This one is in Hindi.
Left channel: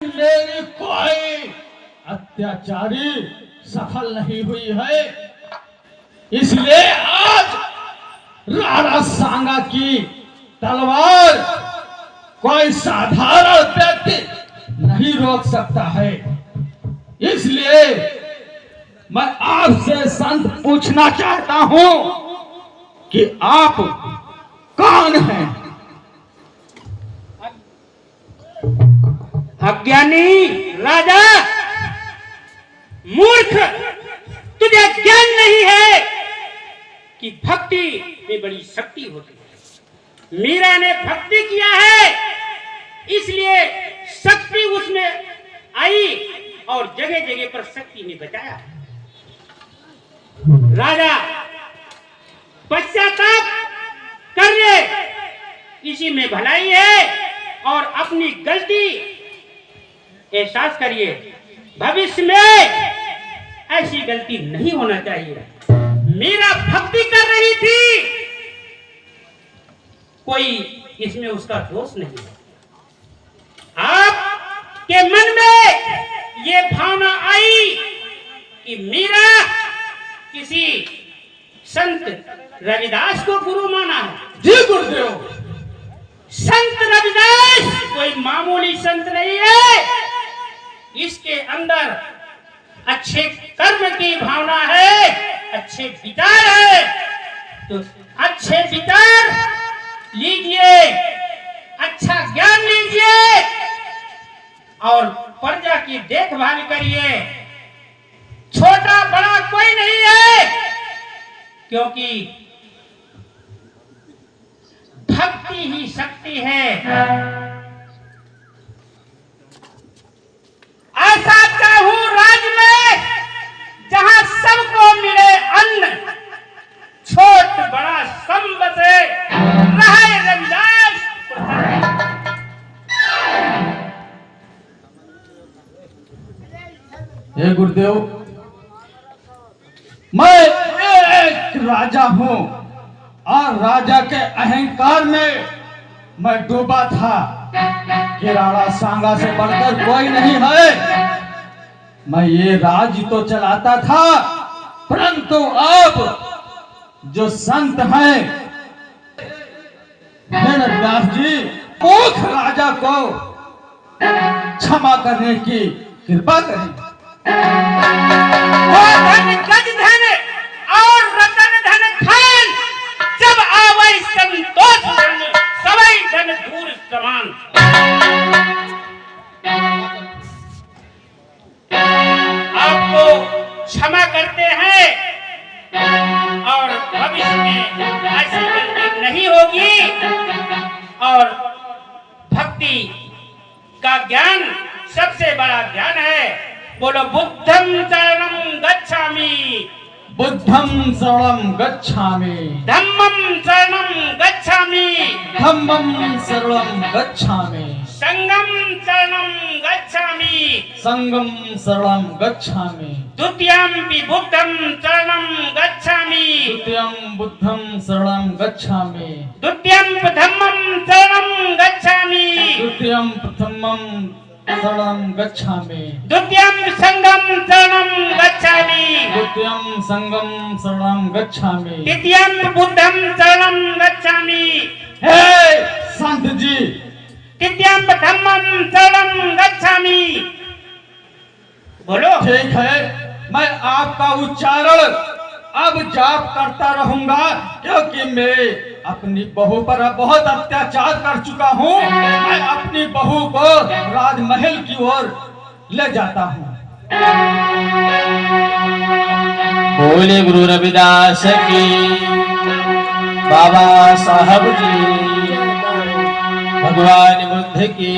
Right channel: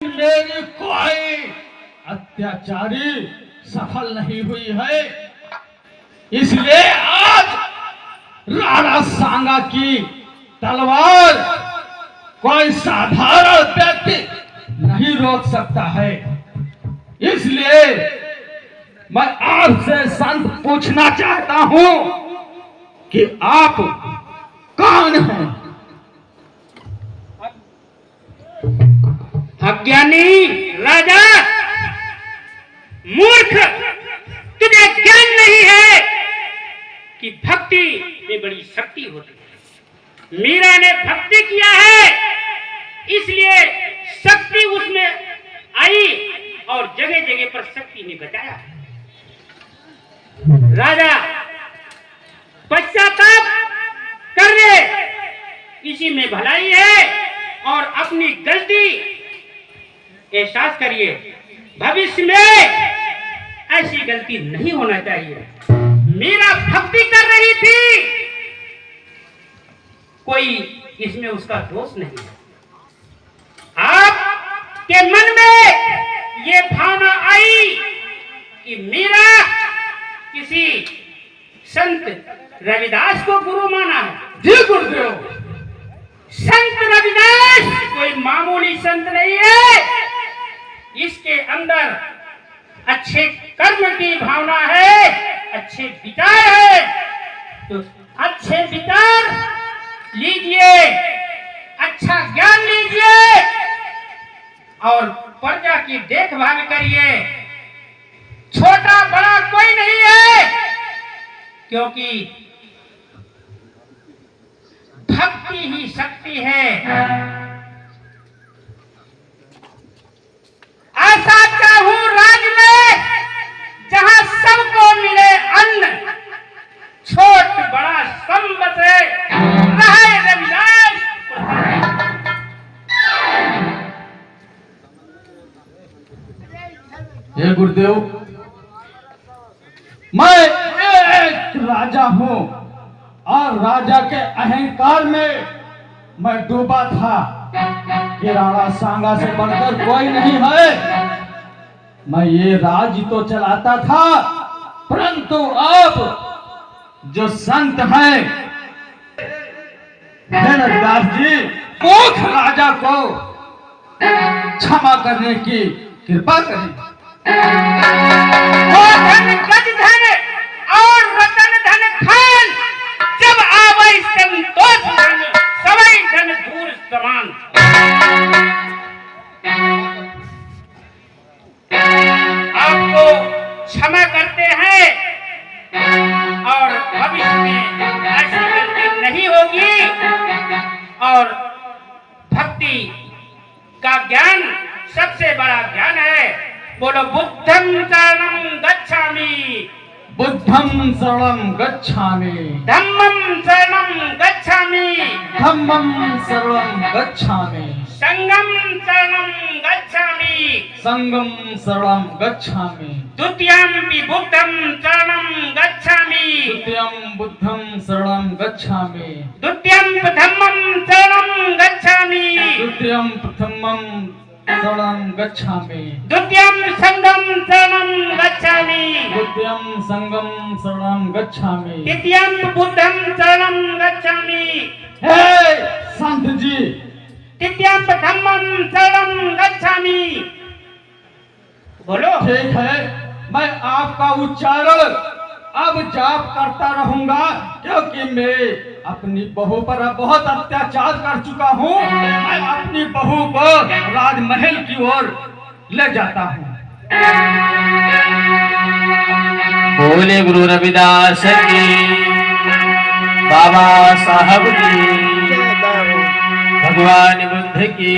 मेरी कोई अत्याचारी सफल नहीं हुई है, इसलिए आज राणा सांगा की तलवार कोई साधारण व्यक्ति नहीं रोक सकता है। इसलिए मैं आपसे संत पूछना चाहता हूं कि आप कौन हैं? अज्ञानी राजा, मूर्ख, तुझे ज्ञान नहीं है कि भक्ति में बड़ी शक्ति होती है। मीरा ने भक्ति किया है, इसलिए शक्ति उसमें आई और जगह जगह पर शक्ति ने बचाया। राजा पश्चाताप कर ले, इसी में भलाई है और अपनी गलती एहसास करिए। भविष्य में ऐसी गलती नहीं होना चाहिए। मीरा भक्ति कर रही थी, कोई इसमें उसका दोष नहीं है। आपके मन में ये भावना आई कि मीरा किसी संत रविदास को गुरु माना है। जी गुरुदेव, संत रविदास कोई मामूली संत नहीं है, इसके अंदर अच्छे कर्म की भावना है, अच्छे विचार है। तो अच्छे विचार लीजिए, अच्छा ज्ञान लीजिए और प्रजा की देखभाल करिए। छोटा बड़ा कोई नहीं है, क्योंकि भक्ति ही शक्ति है। ऐसा चाहूं राज में जहां सबको मिले अन्न, छोट बड़ा सम बसे, रहे रविदास। हे गुरुदेव, मैं एक राजा हूं और राजा के अहंकार में मैं डूबा था कि राणा सांगा से बढ़कर कोई नहीं है। मैं ये राज्य तो चलाता था, परंतु अब जो संत हैं, रविदास जी, मूर्ख राजा को क्षमा करने की कृपा करें। गज धन और रतन धन खान, जब आवै संतोष धन, सवै धन धूल समान। आपको क्षमा करते हैं और भविष्य में ऐसी गलती नहीं होगी। और भक्ति का ज्ञान सबसे बड़ा ज्ञान है। बोलो बुद्धं शरणं गच्छामि, बुद्धं शरणं गच्छामि, धम्मं शरणं गच्छामि, धम्मं शरणं गच्छामि, संघं शरणं गच्छामि, संघं शरणं गच्छामि, द्वितीयंपि बुद्धं शरणं गच्छामि, द्वितीयं बुद्धं शरणं गच्छामि, द्वितीयं धम्मं शरणं गच्छामि, द्वितीयं प्रथमं शरणं गच्छामि, द्वितीयं संघं शरणं गच्छामि, द्वितीयं संघं शरणं गच्छामि, तृतीयं बुद्धं शरणं गच्छामि। हे संत जी, तृतीयं धम्मं शरणं गच्छामि। बोलो। ठीक है, मैं आपका उच्चारण अब जाप करता रहूंगा, क्योंकि मैं अपनी बहू पर बहुत अत्याचार कर चुका हूँ। मैं अपनी बहू को राजमहल की ओर ले जाता हूँ। बोले गुरु रविदास की, बाबा साहब की, भगवान बुद्ध की।